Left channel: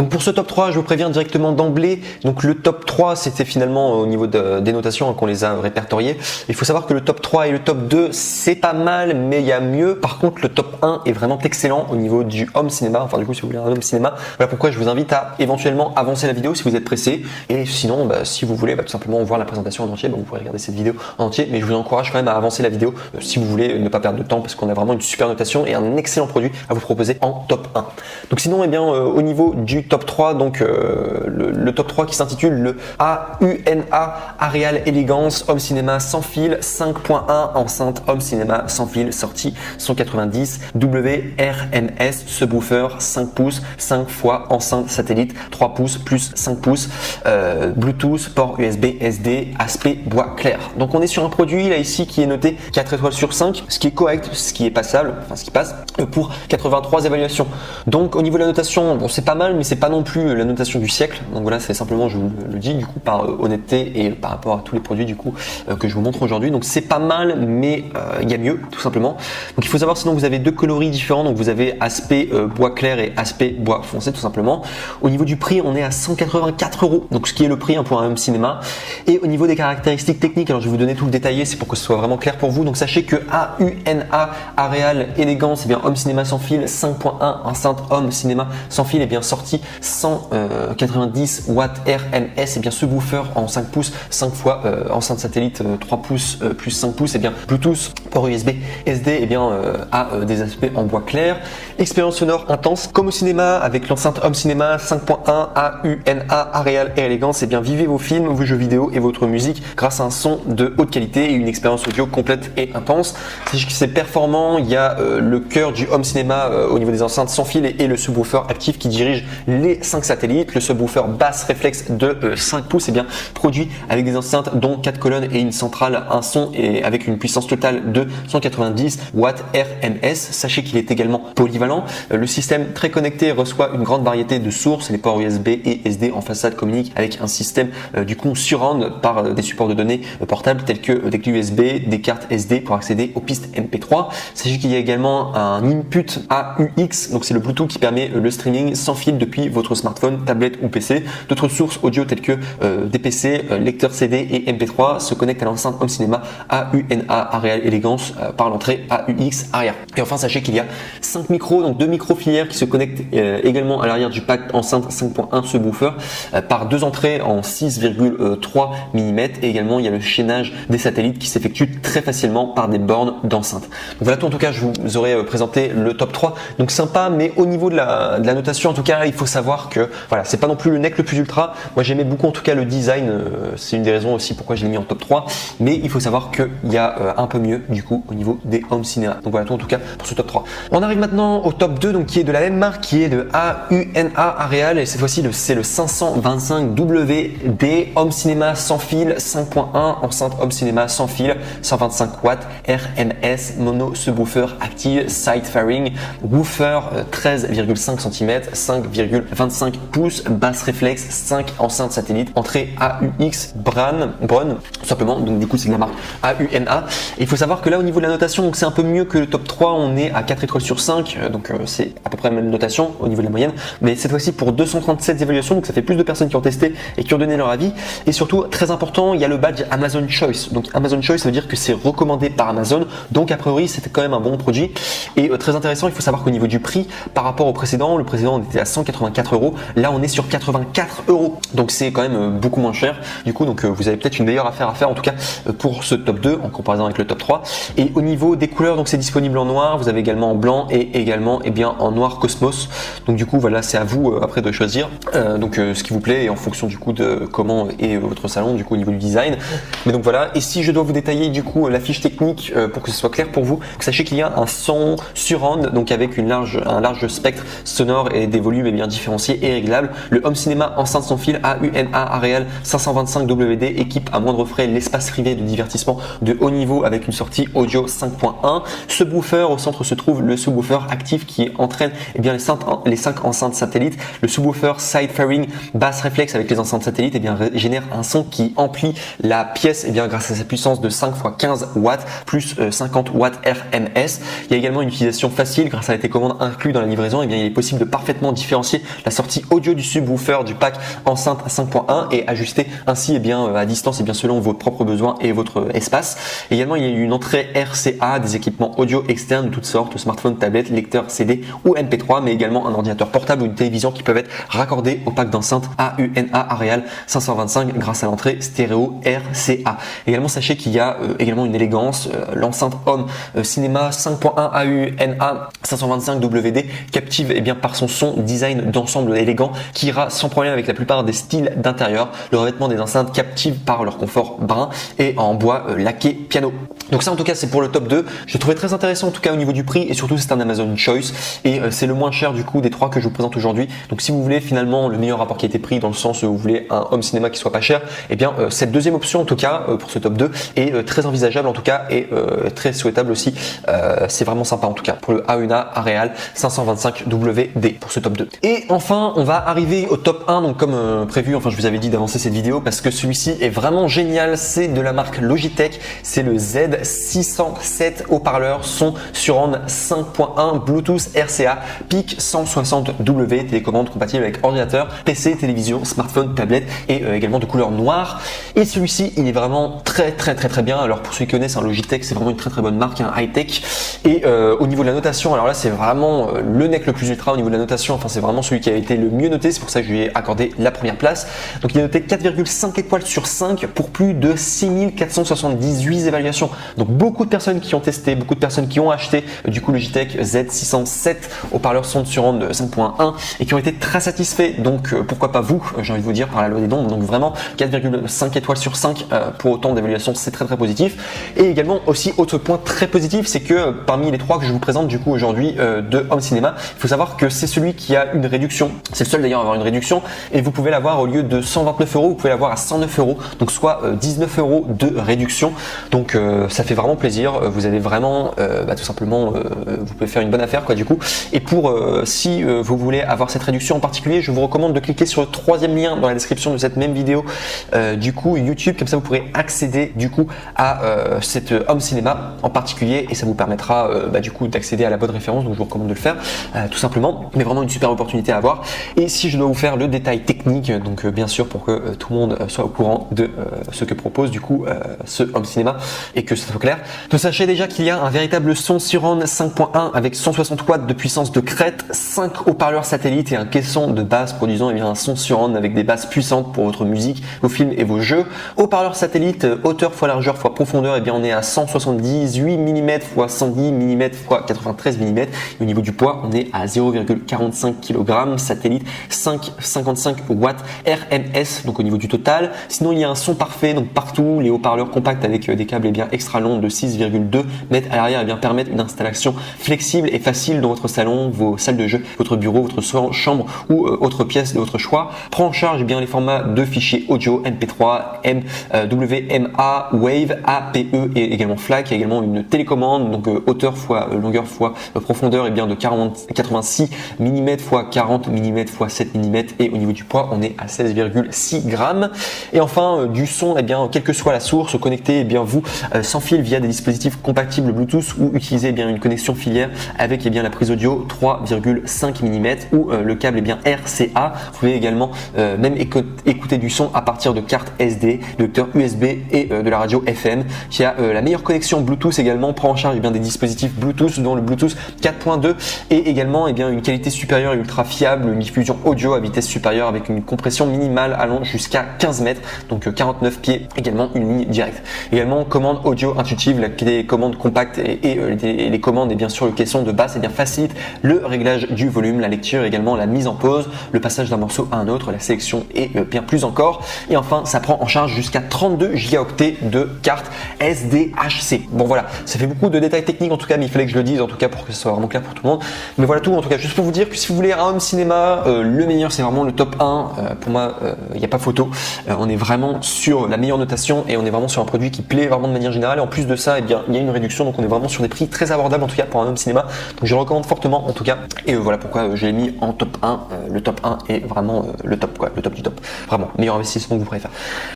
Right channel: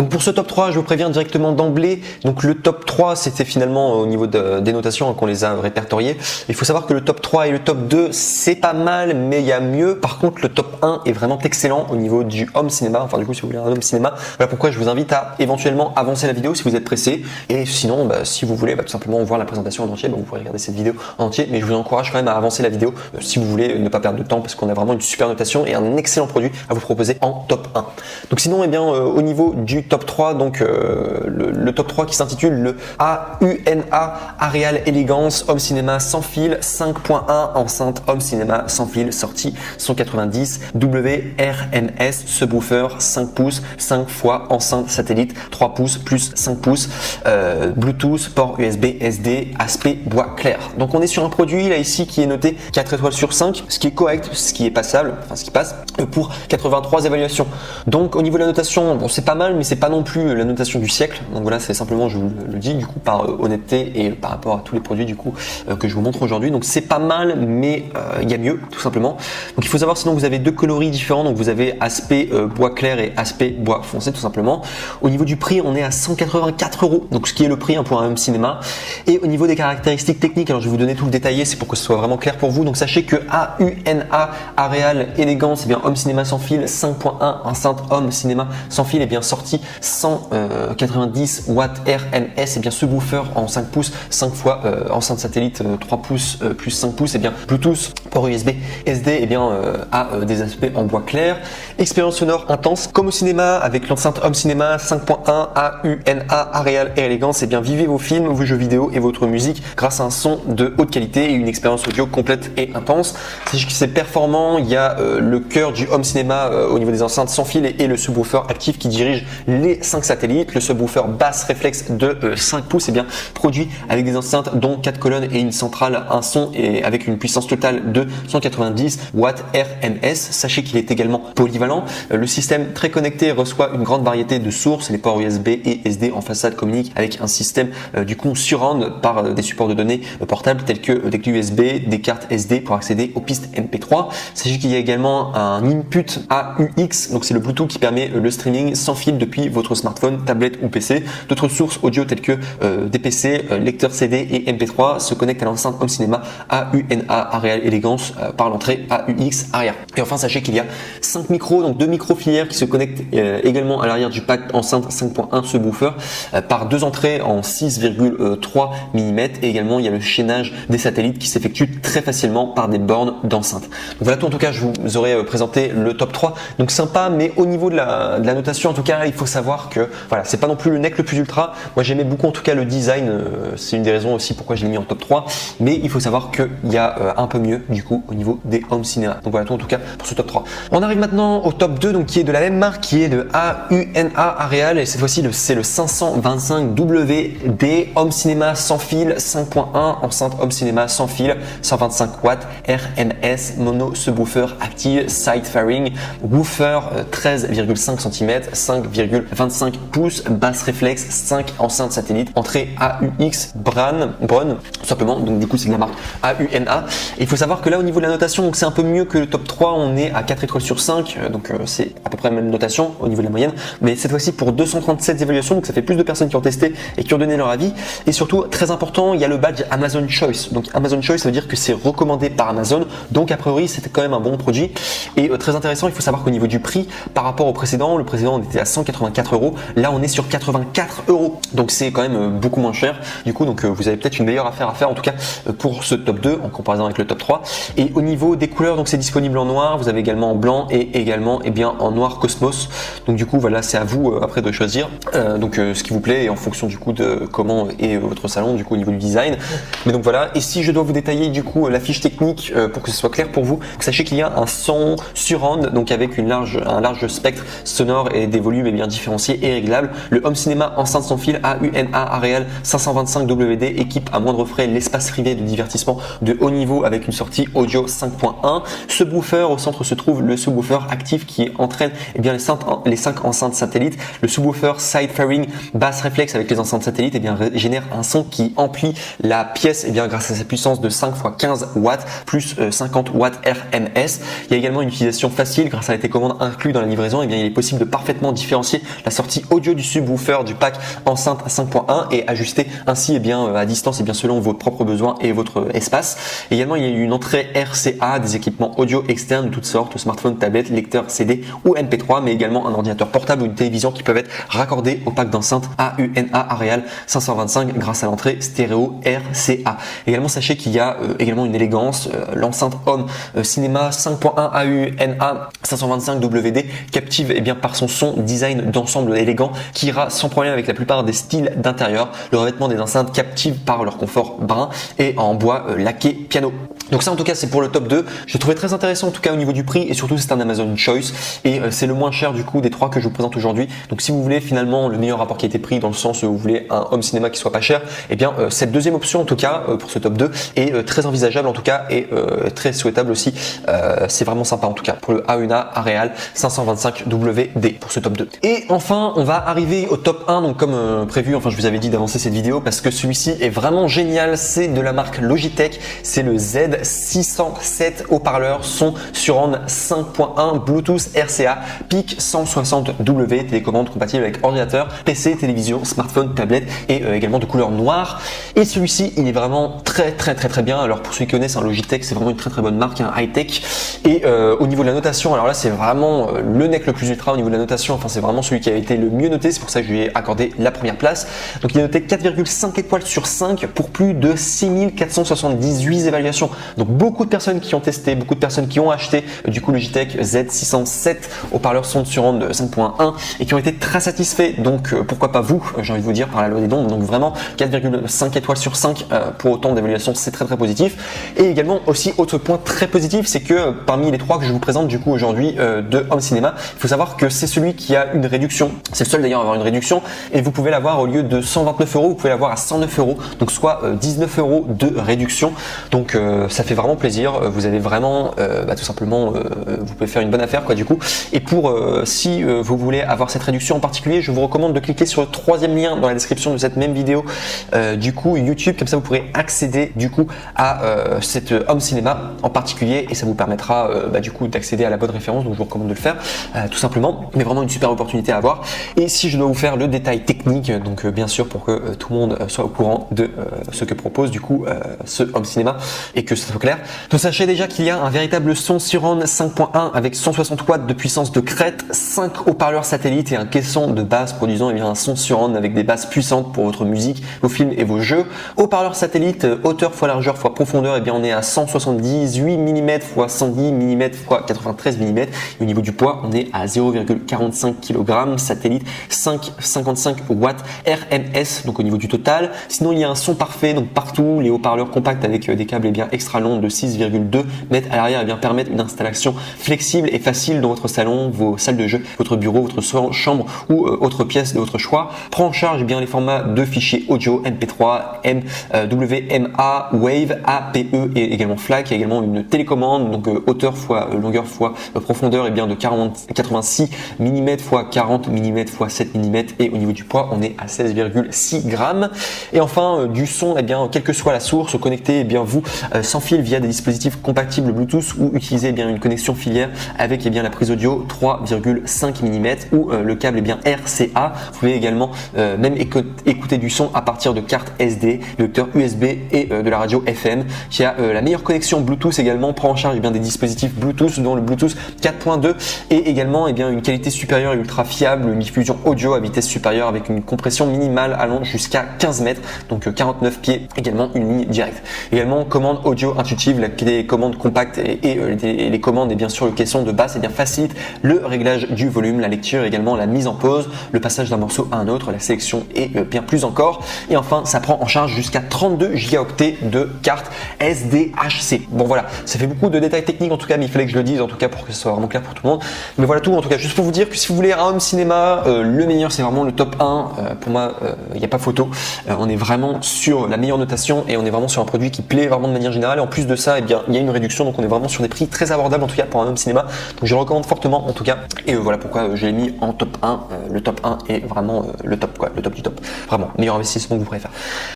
Donc pour ce top 3, je vous préviens directement d'emblée. Donc le top 3, c'était finalement au niveau des notations qu'on les a répertoriées. Il faut savoir que le top 3 et le top 2, c'est pas mal, mais il y a mieux. Par contre, le top 1 est vraiment excellent au niveau du home cinéma. Enfin, du coup, si vous voulez un home cinéma, voilà pourquoi je vous invite à éventuellement avancer la vidéo si vous êtes pressé. Et sinon, si vous voulez tout simplement voir la présentation en entier, donc vous pouvez regarder cette vidéo en entier. Mais je vous encourage quand même à avancer la vidéo si vous voulez ne pas perdre de temps, parce qu'on a vraiment une super notation et un excellent produit à vous proposer en top 1. Donc sinon, au niveau du top 3, donc le top 3 qui s'intitule le AUNA Areal Elegance Home Cinéma sans fil 5.1 enceinte Home Cinéma sans fil sortie 190 WRNS subwoofer 5 pouces 5 fois enceinte satellite 3 pouces plus 5 pouces Bluetooth port USB SD aspect bois clair. Donc on est sur un produit là, ici qui est noté 4 étoiles sur 5, ce qui est correct, ce qui est passable, enfin ce qui passe pour 83 évaluations. Donc au niveau de la notation, bon c'est pas mal, mais c'est pas non plus la notation du siècle. Donc voilà, c'est simplement, je vous le dis du coup par honnêteté et par rapport à tous les produits du coup que je vous montre aujourd'hui. Donc c'est pas mal, mais il y a mieux tout simplement. Donc il faut savoir, sinon vous avez deux coloris différents. Donc vous avez aspect bois clair et aspect bois foncé tout simplement. Au niveau du prix, on est à 184 €. Donc ce qui est le prix pour un home cinéma. Et au niveau des caractéristiques techniques, alors je vais vous donner tout le détaillé, c'est pour que ce soit vraiment clair pour vous. Donc sachez que AUNA Areal Elegance, home cinéma sans fil 5.1 enceinte home cinéma sans fil est bien sorti 190 watts RMS, et bien subwoofer en 5 pouces 5 fois enceinte satellite 3 pouces plus 5 pouces, et bien Bluetooth port USB SD, et bien a des aspects en bois clair. Expérience sonore intense comme au cinéma avec l'enceinte home cinéma 5.1 AUNA Areal et Elegance, et bien vivez vos films, vos jeux vidéo et votre musique grâce à un son de haute qualité et une expérience audio complète et intense. C'est performant, il y a le cœur du home cinéma au niveau des enceintes sans fil et le subwoofer actif qui dirige les 5 satellites. Le subwoofer basse réflexe de 5 pouces est bien produit avec des enceintes dont 4 colonnes et une centrale, un son et avec une puissance totale de 190 watts RMS. Sachez qu'il est également polyvalent. Le système très connecté reçoit une grande variété de sources. Les ports USB et SD en façade communiquent avec un système du coup surround par des supports de données portables tels que des clés USB, des cartes SD pour accéder aux pistes MP3. Sachez qu'il y a également un input AUX, donc c'est le Bluetooth qui permet le streaming sans fil depuis votre smartphone, tablette ou PC. D'autres sources audio telles que des PC, lecteurs CD et MP3 se connectent à l'enceinte home cinéma AUNA Areal Elegance par l'entrée AUX arrière. Et enfin, sachez qu'il y a 5 micros, donc 2 micros filières qui se connectent également à l'arrière du pack enceinte 5.1 subwoofer par 2 entrées en 6,3 mm, et également il y a le chaînage des satellites qui s'effectue très facilement par des bornes d'enceinte. Donc voilà, en tout cas je vous aurais présenté le top 3, donc sympa, mais au niveau de la notation en tout cas il faut savoir que voilà, c'est pas non plus le neck le plus ultra. Moi j'aimais beaucoup en tout cas le design, c'est une des raisons aussi pourquoi j'ai mis en top 3, mais il faut savoir qu'il y a un peu mieux du coup au niveau des home cinéma. Donc voilà tout en tout cas pour ce top 3. On arrive maintenant au top 2, donc qui est de la même marque, qui est de AUNA Areal, et cette fois-ci c'est le 525WD home cinéma sans fil 5.1 enceinte home cinéma sans fil 125 watts RMS mono subwoofer active side fairing woofer 13,5 cm 5,25 pouces basse réflexe 5 enceintes satellite entrée AUX Brun tout simplement, donc du coup c'est de la marque AUNA. Il faut savoir que là au niveau de la notation, donc c'est un peu mieux que le top 3, on est à 4 étoiles sur 5, donc c'est à peu près la même notation au niveau de la moyenne, mais cette fois-ci pour 237 évaluations, donc ça fait plus de personnes qui ont testé et qui ont donné leur avis. Et surtout très important, il y a le badge Amazon Choice. Donc Amazon Choice, ça veut dire que c'est recommandé par Amazon, donc a priori c'est quand même un bon produit. Et très intéressant, il faut savoir qu'au niveau du prix par rapport au précédent, le précédent on était à 184 €, là on est sur 84 €, donc c'est quand même beaucoup moins cher. Du coup donc vous avez peut-être une meilleure affaire à faire en tout cas pour ce top 2 en comparaison avec le top 3. Et au niveau des couleurs, donc c'est disponible en noir, vous avez également en blanc et également en noir Cosmos. Donc du coup voilà, c'est à vous après de choisir ce qui vous plaît et en fonction du coup de comment est votre salon du coup au niveau du design. Mais donc voilà, ici je dois vous détailler du coup la fiche technique pour que ce soit clair pour vous. Sachez qu'il y a un son surround, donc avec un large spectre sonore et des volumes bien différenciés et réglables. Le home cinéma enceinte sans fil AUNA Areal 525WD équipe à moindre frais l'espace privé de divertissement de haut niveau avec une sortie audio 5.1. Subwoofer, au centre se trouve le subwoofer actif qui entraîne les 5 enceintes satellites. Le subwoofer side fairing basse réflexe avec les enceintes satellites génère un son qui emplit la pièce grâce à sa puissance de 5 x 15 watts plus 50 watts RMS. Il y a également une utilisation facile grâce à la télécommande inclue dans la livraison. Il est possible de parfaitement différencier la sortie audio du subwoofer du pack enceinte 5.1 et ajuster ainsi à distance selon vos propres besoins et votre espace. Également, il y a une entrée RCA, des équipements audio externes de toutes sortes, smartphone, tablette, lecteur CD ou MP3, mais également un ordinateur portable ou une télévision qui peuvent être raccordés au pack d'enceinte AUNA Areal 525 grâce à l'entrée stéréo RCA. Également, sachez qu'il y a également une élégance, l'enceinte Home Cinéma 5.1 AUNA 525 WD captive par son son design d'ensemble élégant qui ira sans problème avec la plupart des styles d'intérieur. Le revêtement des enceintes captive par leur confort brand et en bois laqué piano. Donc ça en tout cas c'est pour le top 2. Je le trouvais très intéressant en tout cas au niveau du prix et surtout c'est un Amazon Choice et c'est le moins cher du coup des trois que je vous présente aujourd'hui. Donc si vous voulez finalement le meilleur rapport qualité-prix dans le sens où vous voulez un home cinéma qui soit pas cher, cette deuxième option en tout cas pour ce top 2 est très envisageable en tout cas et très souhaitable aussi. C'est vraiment sympa en tout cas pour le AUNA Areal 525 WD pour ce top 2. Et enfin on va arriver au top 1 donc comme prévu, je vous avais dit d'avancer cette vidéo parce que celui-ci est vraiment génial, c'est de la marque Logitech, c'est le Z607 haut-parleur son surround 5.1 Bluetooth RCA PIC 160W, télécommande compatible avec ordinateur, PC, télévision, smartphone, tablette et également de couleur noire. Et celui-ci il est vraiment très bien. Alors pour ceux qui connaissent Logitech, c'est vraiment une très bonne marque high-tech et au niveau de la notation, alors là c'est vraiment le nec le plus ultra au niveau de la notation, c'est vraiment celui qui a été le mieux noté, c'est pour ça que je lui ai accordé la première place. Donc il est noté 4,5 étoiles sur 5 pour plus de 6478 évaluations. Donc beaucoup de personnes qui ont testé, beaucoup de personnes qui ont acheté du coup Logitech Z607 haut-parleur son surround 5.1 et qui ont été très satisfaits. Donc pourquoi pas vous, j'ai envie de vous dire par la même. Donc vraiment 4,5 étoiles sur 5 pour autant d'évaluation, c'est très positif. Et également aussi autre point très positif, c'est que parmi les trois que je vous présente du coup aujourd'hui de Home Cinéma, il faut savoir que c'est celui qui a une réduction. C'est le seul d'ailleurs à avoir une réduction et vous pouvez l'avoir au lieu de 129 €, vous pouvez l'avoir à 109 €, donc soit 19 € de réduction. Donc ça fait vraiment plaisir. Vous avez vraiment tout simplement vous pouvez faire une bonne affaire du coup. Et pour si vous voulez avoir cette réduction en particulier, je vous recommande de cliquer sur le troisième lien dans la description de cette même vidéo du coup YouTube, comme ça vous pourrez accéder du coup à cette Home Cinéma en particulier et ça vous permettra du coup d'accéder à la bonne référence. Donc je vous recommande de le faire tout simplement, mais vraiment une super opportunité à avoir. Et si je dois vous faire le détail technique, donc bien sûr pour que tout le monde soit au courant de ce que propose du coup ce Home Cinéma et que ça soit clair. Donc sachez déjà qu'il y a un véritable son surround 5.1 avec 160 watts de puissance de crête, 5 haut-parleurs satellites et un caisson de base produisant un son surround avec des basses puissantes pour votre musique, vos films et vos jeux. Haut-parleur satellite, hauteur fois largeur fois profondeur, on est à 178 mm x 110 mm x 93 mm. Et au niveau du poids, on est à 0,45 kg, satellite 5,55 watts RMS, donc au niveau du total. Sinon, il y a un son parfait, donc partout, les haut-parleurs compacts avec des câbles extra longs de 6,2 mètres à l'arrière permettent une installation flexible et facile de votre salon, vos salles de jeu, votre bureau, votre chambre ou autre pièce de votre choix. Prend en charge les formats de fichiers audio MP3, WMA, Wave, APE et également FLAC. Il y a également une télécommande, donc hauteur fois longueur fois profondeur de 86 mm x 40 mm x 7 mm et au niveau du poids on est à 16,6 grammes. Et enfin du son, quelle que soit la source, connectez vous sans fil via des dispositifs compatibles Bluetooth ou utiliser une connexion filière avec la prise audio 3,5 mm ou le câble RCA. Vous pouvez également même écouter du son à partir de cartes SD, lecteur USB et de la radio FM qui a la meilleure connexion Bluetooth également, prend en charge des dispositifs Bluetooth dont le Bluetooth 4.2 et également une qualité supérieure et ultra fiable, une diffusion audio à vitesse supérieure avec une compression minimale allant jusqu'à 15 mètres, donc 49 pieds, également une ligne directe. Également commande audio intuitive, les commandes compactes et les commandes et bien sûr le caisson de basse facilite le réglage du volume, la lecture, également la mise en pause, le passage d'un morceau à un autre, la sélection et bien plus encore. Et enfin ça prend en charge jusqu'à 32 gigaoctets de carte SDHC. Bon voilà, ça fait beaucoup de détails techniques en tout cas, mais il fallait que je le dise en tout cas pour que ce soit vraiment clair pour tout le monde. Mais voilà tout en tout cas, juste pour vous dire que si vous voulez un home cinéma, le meilleur c'est vraiment le top 1. Pour moi, il n'y a pas photo. On est vraiment sur la meilleure notation et on est vraiment sur un produit qui plaît vraiment de manière générale. Et en plus de ça, il y a une réduction, donc on est vraiment sur des prix très abordables en tout cas pour un home cinéma. Donc je le recommande fortement en tout cas. Et voilà pourquoi j'ai mis en top 1. Le top 1 est vraiment le top du top. Vraiment, meilleur investissement que vous pourrez faire.